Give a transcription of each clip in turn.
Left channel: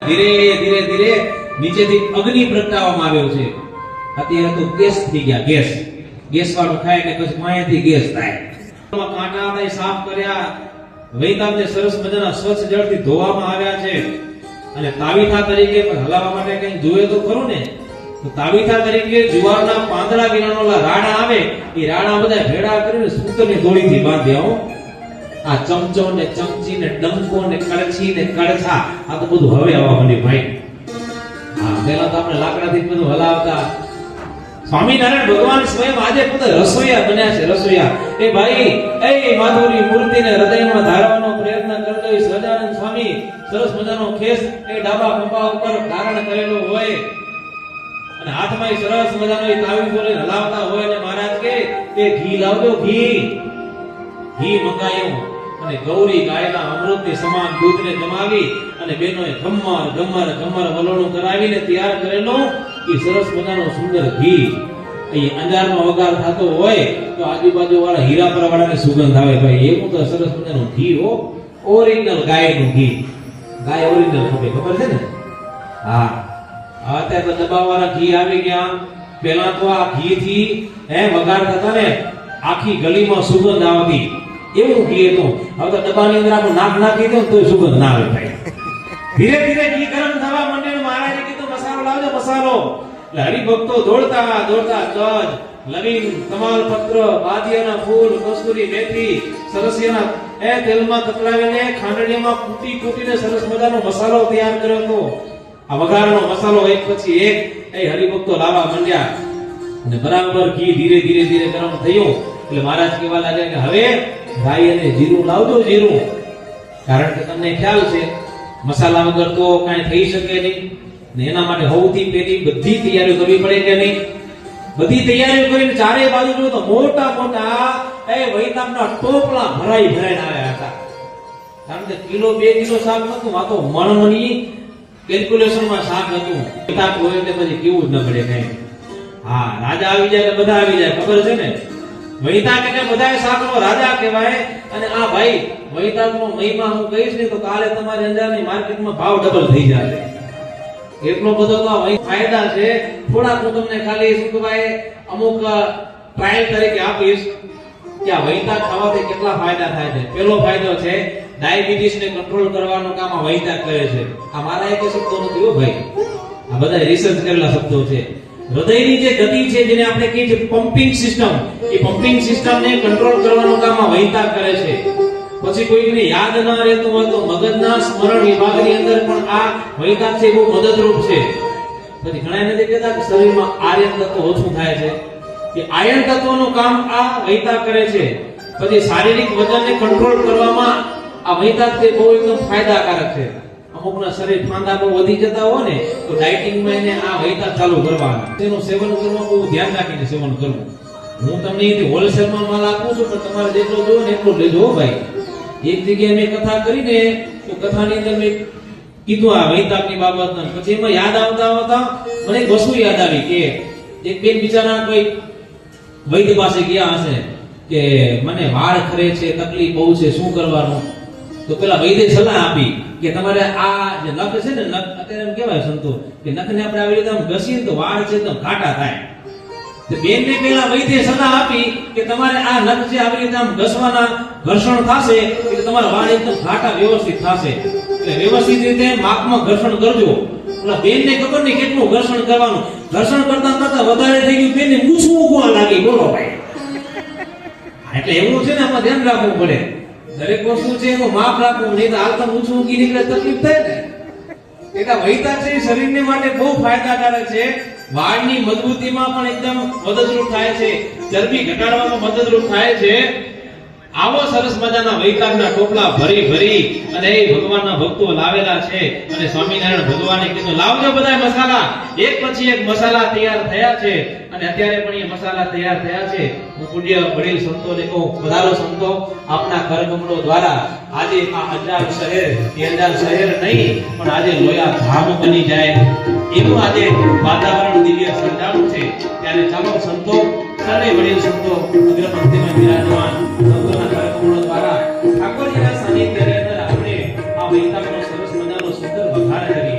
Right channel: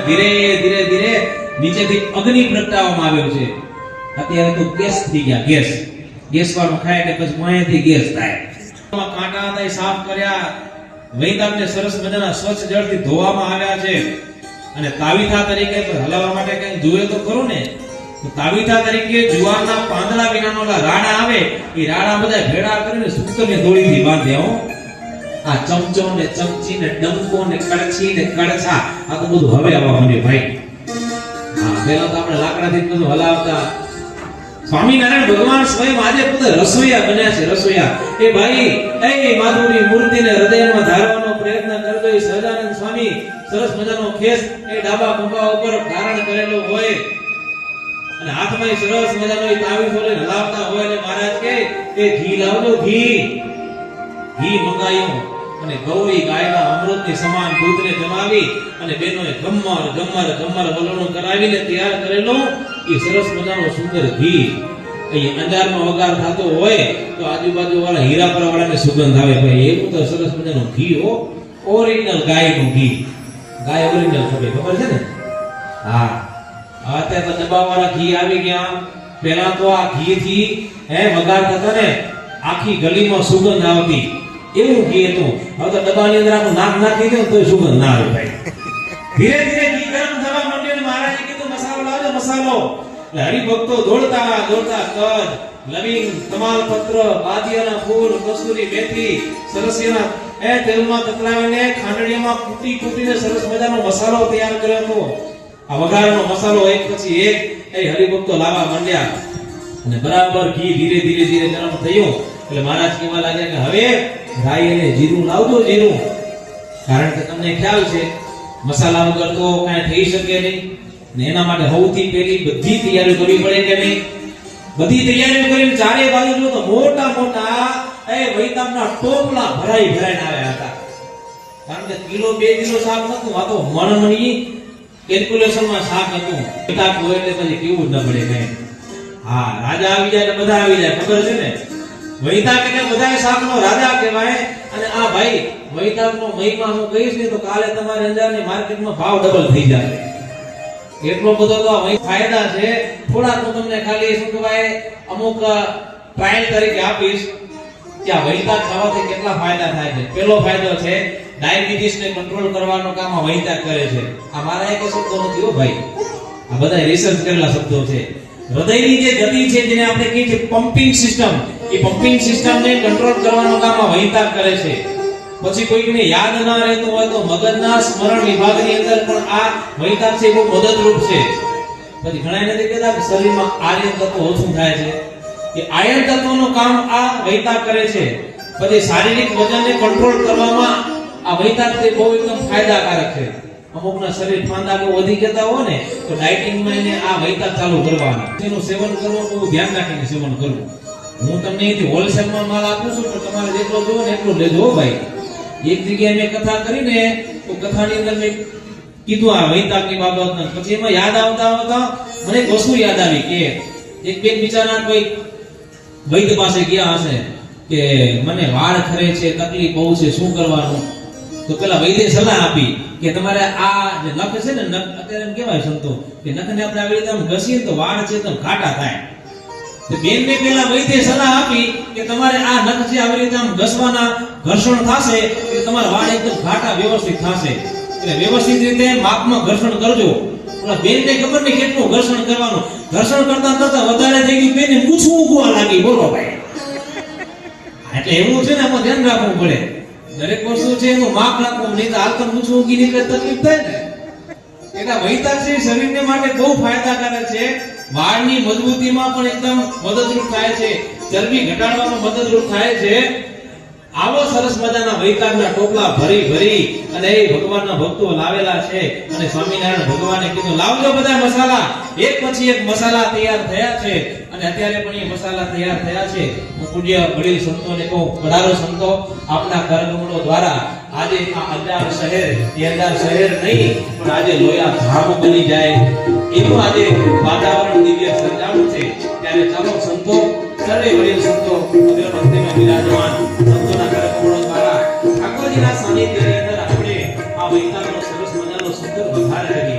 ધીરે ધીરે ધીરે નીચેથી અગ્નિ પ્રગટાવવામાં આવ્યો છે. અત્યારે તો ગેસ થઈ ગયા. ગેસ વાળો ખાય કે પછી માયાથી ગેસ થાય. કાંટા હતા સાફ કર્યા, વૈદામને સરસ મજાના સ્વચ્છ જળથી ધોવામાં આવ્યા છે. અને તાવીથા તરીકે હલાવવા માટે કંઈક જોઈએ તો ખરું ને. તો તાવીથા તરીકે જુવારના પાંદડા વિનાના રાડા આવે, એ રાડા બધા ભેડા કરીને સૂતરની દોરીથી બાંધ્યા હો. આ ચમચો ને ચમચી ને ડંકો ને કળછી ને કળછા, આ તો બધું હવે આવવા માંડ્યું ભાઈ. હા, પહેલા તો આપણે લાકડાથી બધું હલાવતા. સ્વામિનારાયણ ભગવાન સ્વયં આજે પોતે રસોઈયા બન્યા છે. રસોઈયા એ ભાઈ એ માધવની મૂર્તિને હૃદયમાં ધારવાનો પ્રયત્ન કરતો એ સહજાનંદ સ્વામી સરસ મજાનો ખેસ એ ડાબા ખંભા ઉપર ધારણ કરેલો હોય અને હાથમાં સરસ મજાનો એ તાવીથો લઈને હલાવતા હોય અને મહારાજ કે તે ઘી લાવજો. ઘી મંગાયું અને ગૌરી ગાયના અમૃતની સમાન દૂધને જમાવી અને બેનોએ ગમ્મર વલોણું કરાવીને તૈયાર કરેલો એ સરસ મજાનો સુંદર ઘી. અહીં અંજારમાં વઘાર થતો હોય તો આજુબાજુ વાળા હીરાપર વાળાને સુગંધ આવે ભાઈ. એવું તો સરસ મજાનું ઘી હો, ઓરિજિનલ ગાયનું ઘી. ગાય ઓરિજિનલ ખબર છે ને? હા, અત્યારે તો દબાવાળા ઘી આવી ગયા. પેલા તો આ ઘી થી વઘાર થતો ને આખી ગલીમાં સુગંધ આવતી, એવું ઘી હતું. હવે તો ડબ્બાની અંદર આપણે નાક નાખી દો તો સુગંધ ના આવે ભાઈ. ધીરે ધીરે ઘી ગરમ થવા માંડ્યું. મહારાજે કીધું મસાલો લાવજો, મસાલો. હરિભક્તો દોડતા તજ, લવિંગ, તમાલપત્ર, બાદિયાના ફૂલ, કસ્તુરી મેથી, સરસિયાના તેલમાં તતલાવીને ખાંડણીમાં કૂટીને સરસ મજાનો મસાલો તૈયાર કર્યો હતો. આ વઘારનો મસાલો એક પછી એક એ હરિભક્તો લાવવા માંડ્યા અને બરાબર ઘી ધીરે ધીરે ગરમ થયું એટલે મહારાજ કહેવા લાગ્યા કે હવે ભાઈ અને જીરું લાવજો. જીરું, કારણ કે તમને ખ્યાલ છે મસાલા વગર તો કાંઈ થઈ શકે નહીં ને એના માટે સૌથી પહેલી બધી તૈયારી કરવી પડે કે નહીં. બધી તૈયારીઓ કરીને ચારે બાજુ જો તો મોટા વૈતાના ટોપલા ભરાઈને આવ્યા હતા. કારણ કે કિલો 2 કિલો શાક નતું, આ તો મણની કેલ્ક્યુલેશનમાં શાક હતું. બેટા હોય એટલે પછી કેવું જ ન પડે કઈ. હા, રાજા આવી જાય બધા આવી જાય, ખબર છે ને. વૈતાક એટલે બધા શાકનો રાજા કહેવાય. અને આ ભાઈ વૈતાકનો મહિમા હું કહીશ ને તો કાલે તમારે અંજારની માર્કેટમાં ભાવ ડબલ થઈ જશે. એટલો બધો તો ફાયદા છે. થોડાક હું તમને ખાલી શું કહેવાય અમુક ટ્રાયલ તરીકે આપીશ કે આ વૈતાક ખાવાથી કેટલા ફાયદા થાય છે. પહેલો ફાયદો છે ડાયાબિટીસને કંટ્રોલ કરવાનું કામ આ વૈતાક કરે છે. આ મારા એક શબ્દો નથી હો ભાઈ, આ બધા રિસર્ચ કરેલા શબ્દો છે. હૃદયની જે ગતિ છે જેને આપણે કહીએ છીએ પમ્પિંગ સિસ્ટમ, એ પમ્પિંગ સિસ્ટમને કંટ્રોલ કરવાનું કામ આ વૈતાક કરે છે. પછી કોઈને યાદ ના રહેતું હોય તો મગજના સ્મરણ વિભાગની અંદર પણ આ વૈતાક છે બહુ મદદરૂપ છે. પછી ઘણા એને કહેતા કે શરીરમાં આયર્ન તત્વ ઓછું થાય છે, કે આયર્ન તત્વનું કામ આ વૈતાક કરે છે. પછી શારીરિક વજનને કંટ્રોલ કરવામાં આ વૈતાક છે બહુ એકદમ ફાયદાકારક છે. અમુકના શરીર ફાંદા બહુ વધી જતા હોય ને તો ડાયટિંગમાં એને આ વૈતાક ચાલુ કરવાનું, તેનું સેવન કરવું બહુ ધ્યાન રાખીને સેવન કરવું. હું તમને અહીંથી હોલસેલમાં માલ આપું છું તો તમારે જેટલો જોવો ને એટલું લેજો ભાઈ. એક જગ્યાએ મેં કથા કરીને તો કથાની અંદર મેં કીધું આ વૈતાકની બાબત. પછી એમાં યાદ આવતા મને એક વસ્તુ યાદ આવી કે એક બેન બિચારા કોઈ વૈદ્ય પાસે ગયા હશે કે મને વાળ ખરે છે, તકલીફ બહુ છે, શું કરવાનું. તો પેલા વૈદ્ય સલાહ આપી કે તમારે આ જે નખ છે ને, નખ અત્યારે એમ કહેવાય સંતો કે નખને આપણે આવી રીતે ઘસીએ તો વાળ છે તો ઘાટા થાય. તો બેનને પેલા વૈદ્ય સલાહ આપી કે તમારે આ નખ છે આવી રીતે ઘસવાના, ઘર્ષણ થશે એટલે તમારા વાળ એકદમ ઘાટા વ્યવસ્થિત થશે. એટલે વ્યવસ્થિત રીતે માપમાં ઘર્ષણ કરજો. પેલા બેનને ખબર નહીં કેટલું ઘર્ષણ કરવાનું. ઘર્ષણ કરતા વધારે થઈ ગયું, બેનને મૂછું ઉગવા લાગી. બોલો ભાઈ, એટલે એવું છે ને આપણે ધ્યાન રાખવું પડે. દરેક વસ્તુ છે એનું માપ રાખવું, નહીં તો આલતા ઊંચું ઊંઘી નીકળે તકલીફ થાય ને. એટલે વૈતાક છે શરીરને માટે બહુ ફાયદાકારક છે. વાળની મજબૂતીમાં પણ એકદમ મદદરૂપ થાય છે, ચરબી ઘટાડવામાં મદદરૂપ થાય છે. આવો સરસ મજાના વૈતાકના ટોપલા ભરી અને એ ભગવાનના ભક્તો લાવેલા છે. અને સ્વામિનારાયણ ભગવાને કીધું લાવજો બધા મસાલા. એક પછી એક મસાલા તૈયાર થયા છે અને અત્યારે પણ એ મસાલા તૈયાર થયા છે. હું પૂજ્ય વડીલ સંતોને કહું, પધારો સંતો, આપના કરકમળો દ્વારા આજે આ અંજાર શહેર નહીં પણ આજે લોયા ધામ બની જાય એવું આજે વાતાવરણ દિવ્ય સર્જાણું છે. ત્યારે ચાલો સંતો, સર્વે વડીલ સંતો અગ્રપંક્તિમાં બિરાજમાન સંતોના કરકમળો દ્વારા ઠાકોરજીના સાનિધ્યની અંદર આપણે આ વૈતાકનો સરસ મજાનો સુંદર વધાર કરીએ.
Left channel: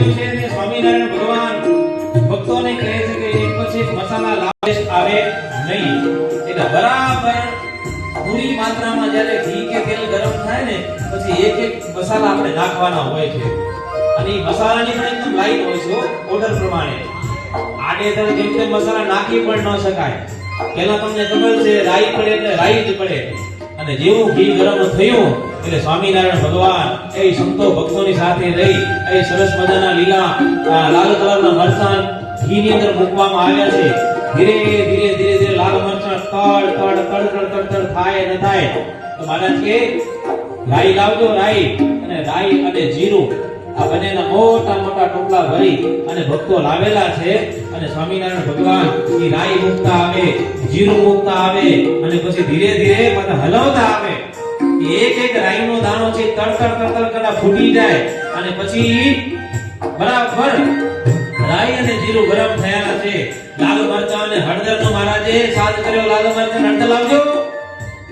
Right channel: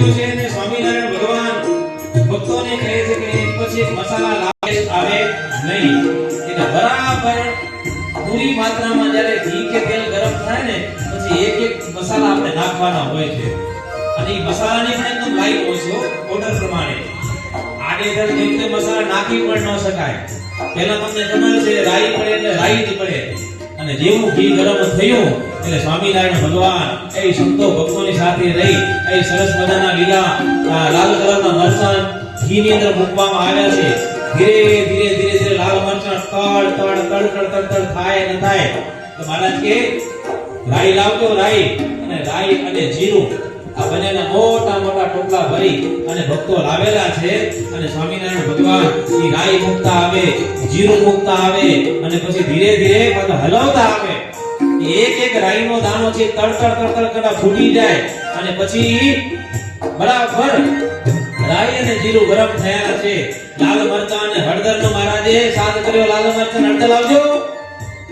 ગયું છે તે સ્વામિનારાયણ ભગવાન ભક્તોને કહે છે કે એક પછી મસાલા લાવે આવે નહીં, એટલે બરાબર પૂરી માત્રામાં જ્યારે ઘી કે તેલ ગરમ થાય ને પછી એક એક મસાલા આપણે નાખવાના હોય છે, અને એ મસાલાની પણ એકદમ લાઈટ હોય છે ઓર્ડર પ્રમાણે. આડેધડ જેમ તેમ મસાલા નાખી પણ ન શકાય. તેના તમને ખબર છે રાઈ પડે એટલે રાઈ જ પડે. અને જેવું ઘી ગરમ થયું એટલે સ્વામિનારાયણ ભગવાન એ સંતો ભક્તોની સાથે રહી એ સરસ મજાના લીલા લાલ કલરના મરચાં ઘીની અંદર મૂકવામાં આવ્યા છે. ધીરે ધીરે ધીરે ધીરે લાલ મરચાં તડ થાય ન થાય તો મહારાજ કે રાઈ લાવજો, રાઈ અને જીરું આ બંનેના મોટા મોટા ટોપલા ભરી અને ભક્તો લાવેલા છે. અને સ્વામિનારાયણ ભગવાન એ રાઈ મૂકતા આવે, જીરું મૂકતા આવે અને પછી ધીરે ધીરે હલાવતા આવે. એક એક રાઈનો દાણો છે તડ કડા ફૂટી જાય અને પછી બરાબર રાઈ અને જીરું ગરમ થયા છે. લાલ મરચાં અને હળદરનો મહારાજે સાથ કર્યો, લાલ મરચાં હળદર લાવજો.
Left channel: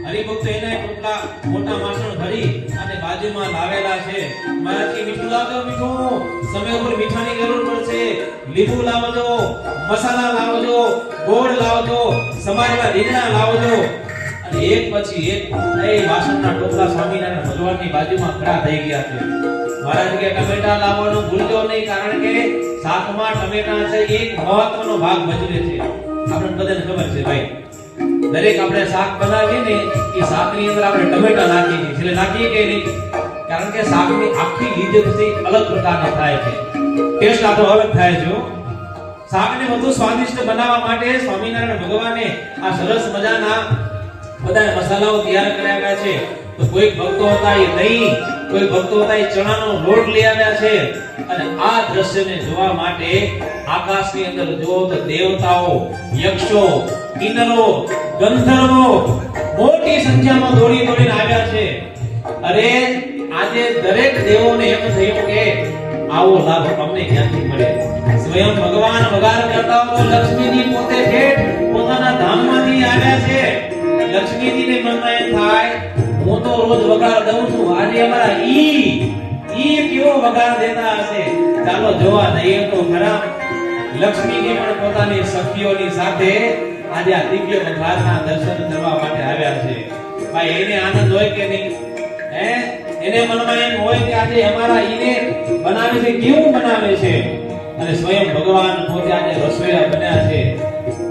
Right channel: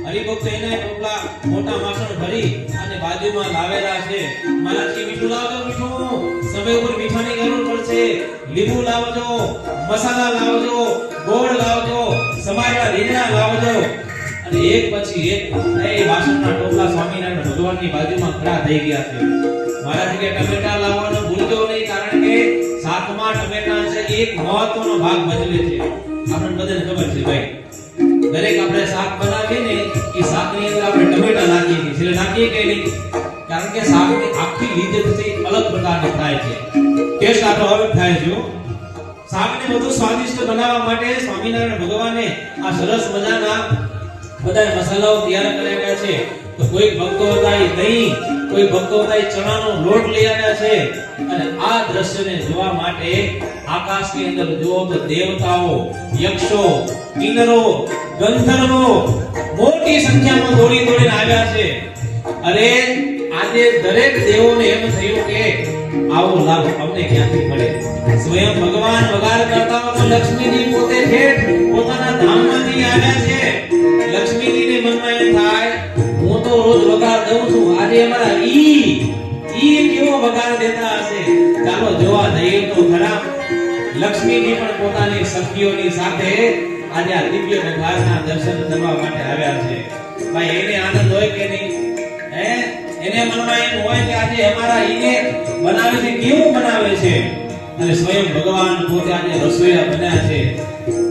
હરિભક્ત એને ટોપલા મોટા વાસણ ભરી અને બાજુમાં લાવેલા છે. મહારાજ કે મીઠું લાવજો, મીઠું સમય ઉપર મીઠાની જરૂર પડશે, લીંબુ લાવજો, મસાલા લાવજો, ગોળ લાવજો, સમારેલા રીંગણા લાવજો. અને એક પછી એક એ વાસણના ટોપલા સ્વામિનારાયણ ભગવાનની બાજુમાં ખડા થઈ ગયા છે. મહારાજ કે ટમેટા લાવવાનો ભૂલજો નહીં, કારણ કે શાકમાં ટમેટા છે એક મહત્વનો ભાગ ભજવે છે. આપણને બધાને ખબર છે ભાઈ, દરેક આપણે શાક બનાવીએ ને એ શાકની અંદર આપણે ટમેટા નાખીએ છીએ, એટલે નાખીએ કે નહીં, કારણ કે શાકની આખી લીધેથી અલગ પ્રકારની થાય છે, ટેસ્ટ આપણો અલગ થાય છે. શાકને વધુ સ્વાદિષ્ટ બનાવવા માટે સ્વામિનારાયણ ભગવાને આ સરસ મજાના બધા મસાલાઓ તૈયાર કર્યા છે. તો કોઈ ભક્તો હતા એ દહીં, કોઈ ભક્તો હતા એ ચણાનો લોટ લઈ આવ્યા છે. અને આ દ્રશ્યને જોવા માટે આકાશની અંદર જો તો દેવતાઓ, યક્ષો, કિન્નરો, ગંધર્વો મોટી સંખ્યામાં દોડીને આવ્યા છે. અરે આજે દરેક દેવોને એમ થયું કે આવો લાભ અમને ક્યાંથી મળે. સ્વયં ભગવાન વગાર કરતા તો લક્ષ્મીજી પોતે ઠેઠ પોતાના ધામમાંથી આવ્યા છે. લક્ષ્મીજીને મનમાં એમ થાય હું તો રોજ વગાર દઉં છું, આજે અમારા ઈ કેવો વગાર દેતા હશે, ચાલો જોવા જઈએ તો ખરા. લક્ષ્મીજી પણ પોતાની સખીઓની સાથે આજે આ દિવ્ય પ્રભાતના દર્શન કરવા માટે આવ્યા છે. ભાઈ એને આનંદ હોય કે નહીં? એને મનમાં એમ હોય કે આજે અમારા ઈને બનાવે છે, કેવું બનાવે છે. અને સ્વયં ભગવાન પોતે આજે રસોઈયા બન્યા છે.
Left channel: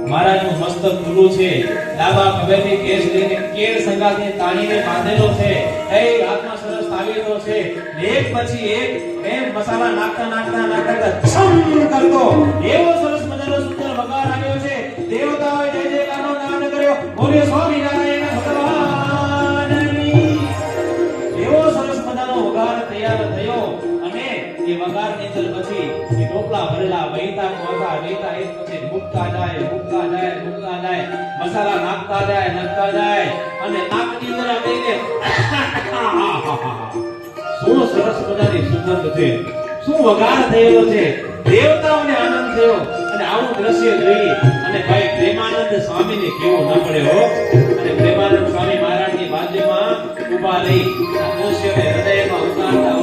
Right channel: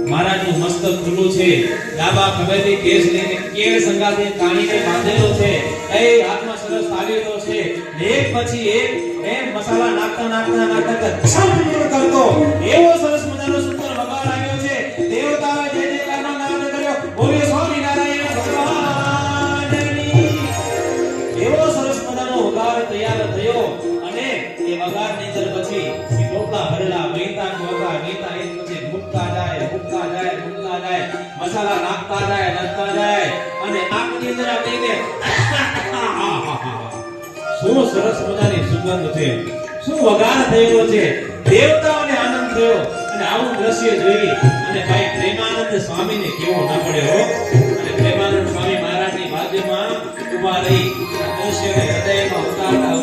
મહારાજનું મસ્તક ખુલ્લું છે, ડાબા ખભેથી કેસ લઈને કેળ સંગાથે તાણીને બાંધેલો છે, એ હાથમાં સરસ તાવીજો છે. એક પછી એક એમ મસાલા નાખતા છમ કરતો એવો સરસ મજાનો સુંદર વગાર આવ્યો છે. દેવતાઓએ જય જયકારનો નાદ કર્યો, બોલ્યો સ્વામિનારાયણ ભગવાનની. એવો સરસ મજાનો વગાર તૈયાર થયો. અને એ વગારની અંદર પછી ટોપલા ભરેલા વહેતા એક પછી મૂકતા જાય, મસાલા નાખતા જાય અને નાકની અંદર આવીને શું સરસ મજાની સુગંધ છે, શું વગાર થયેલો છે. દેવતાઓને આનંદ થયો. અને આવું દ્રશ્ય જોઈ અને ભાઈ પ્રેમાનંદ સ્વામીને કેવો ન પડ્યો. અને પ્રેમાનંદ સ્વામી મહારાજની બાજુમાં ઊભા રહી આ દ્રશ્યને હૃદયમાં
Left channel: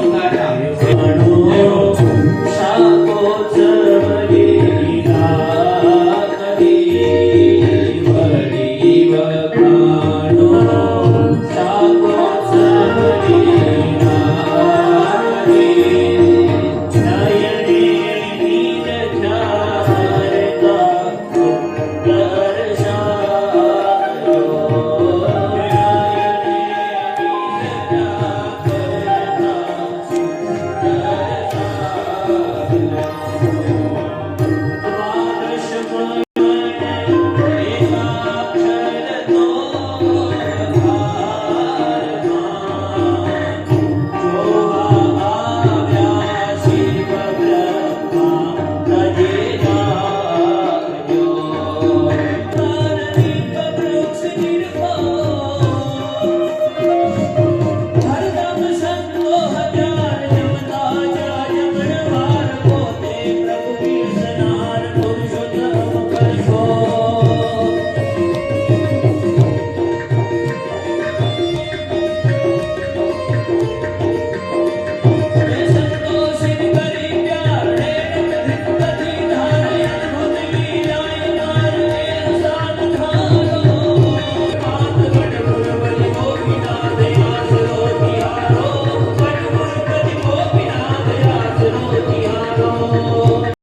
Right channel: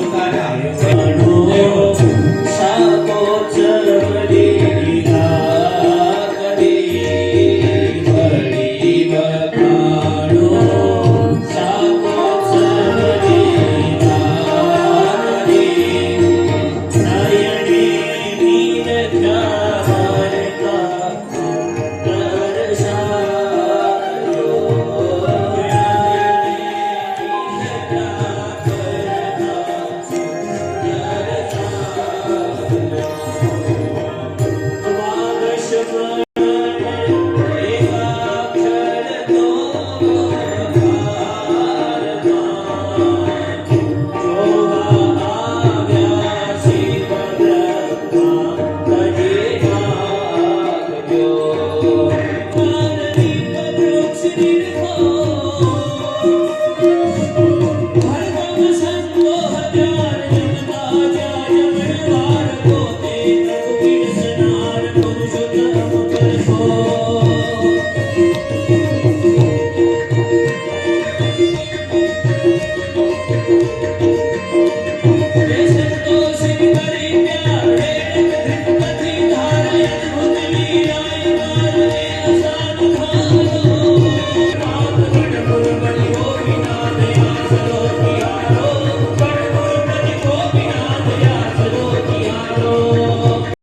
ઉતારતા સાકો ચરલી